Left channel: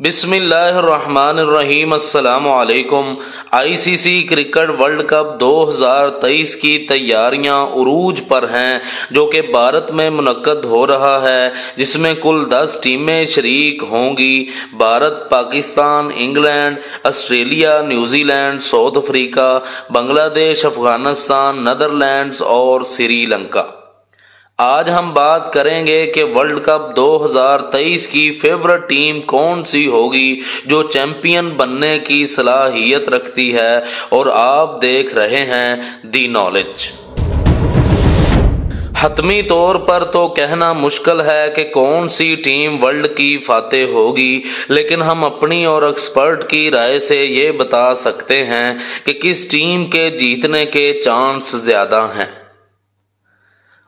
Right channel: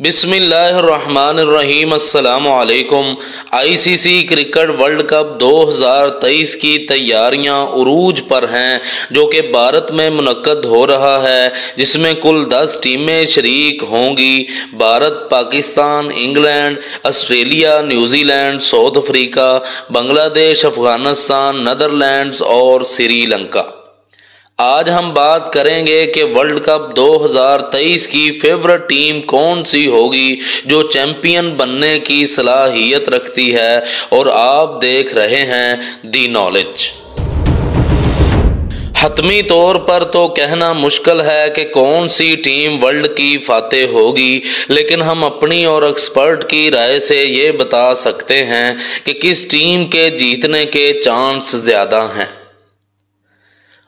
बिस्मिल्लाहिर्रहमानिर्रहीम अस्सलामुअलैकुम। ICC cricket world cup 2023 की तैयारियां उरूज पर हैं, जो कि भारत में मुनक्कद हो रहा है, जिसमें कुल 10 टीमें शरीक होंगी। Bharat, Pakistan, England, Australia, New Zealand, south Africa, Bangladesh, Afghanistan, Netherlands और श्रीलंका। आज हम बात करेंगे कि वर्ल्ड कप 2023 की फेवरेट टीम कौन सी होगी जो चैंपियन बनने की सलाहियत रखती है, और आप देख रहे हैं दी नॉलेज। हतमी तौर पर तो कहना मुश्किल है कि कौन सी टीम वर्ल्ड की फातेह होगी, लेकिन हम अपनी और एक्सपर्ट की राय से ये बता सकते हैं कि किस टीम के जीतने के चांस ज्यादा हैं।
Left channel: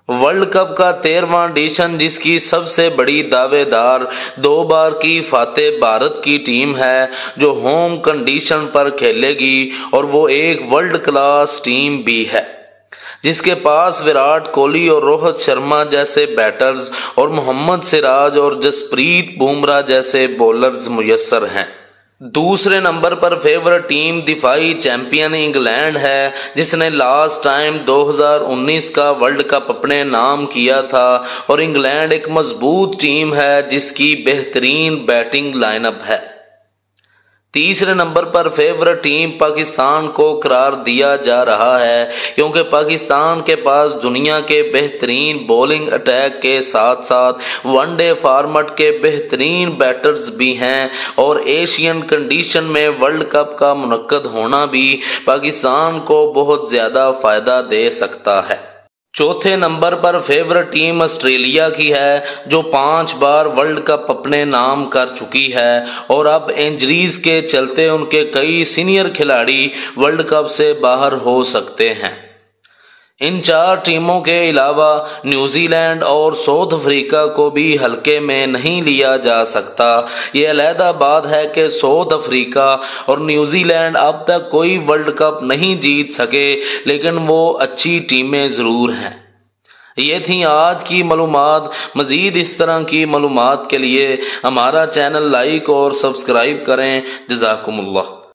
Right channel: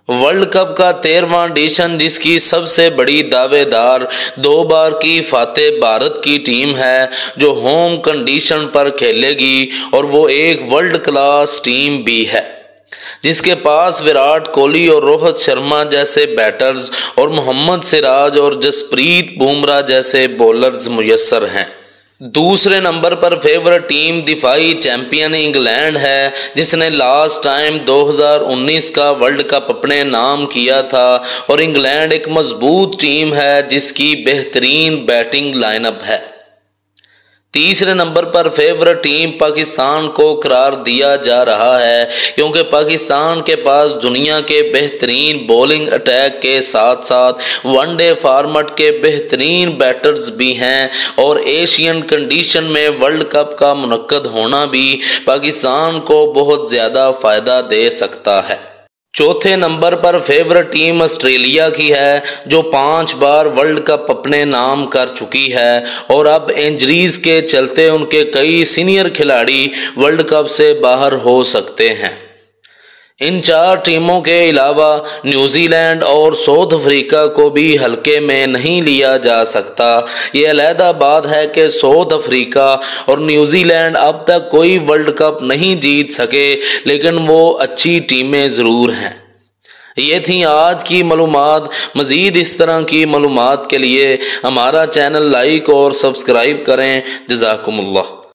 वर्ल्ड कप का 13वां एडिशन, जिसकी सबसे बड़ी दावेदार 2 बार की फातेह भारत की टीम है, जो होम कंडीशन पर खेलेगी, और वो एक वर्ल्ड क्लास टीम भी है, जिसके पास विराट कोहली और रोहित शर्मा जैसे बैटर्स और मोहम्मद सिराज और जसप्रीत बुमराह जैसे बॉलर्स मुयस्सर हैं। दूसरे नंबर पर फेवरेट टीम दिफाई चैंपियन इंग्लैंड है, जिसने लास्ट टाइम 2019 का वर्ल्ड कप अपने नाम किया था, और इंग्लैंड एक मजबूत टीम है जिसकी बेहतरीन बैटिंग लाइनअप है। तीसरे नंबर पर फेवरेट टीम पाकिस्तान को करार दिया जा रहा है, क्योंकि पाकिस्तान के पास दुनिया के बेहतरीन बॉलिंग अटैक के साथ साथ वनडे फॉर्मेट के बेहतरीन बैटर्स भी हैं, और एशियन कंडीशन में वर्ल्ड कप का मुनक्कद होना भी पाकिस्तान को बहुत ज़्यादा फ़ायदा दे सकता है। चौथे नंबर पर फेवरेट टीम ऑस्ट्रेलिया की है, जो 5 बार वर्ल्ड कप अपने नाम कर चुकी है, और अब इंजरीज के चलते उनके कई सीनियर खिलाड़ी वर्ल्ड कप से बाहर हो सकते हैं। इन 4 टीमों के अलावा न्यूजीलैंड और साउथ अफ्रीका को भी हल्के में नहीं लिया जा सकता। ये अलहदा बात है कि साउथ अफ्रीका और न्यूजीलैंड अब तक कोई वर्ल्ड कप नहीं जीत सके, लेकिन वो अच्छी टीमें ज़रूर हैं। ये थी आज की मालूमात। मज़ीद इस तरह की मालूमात के लिए हमारा चैनल लाइक और सब्सक्राइब करें। जज़ाकुमुल्लाह।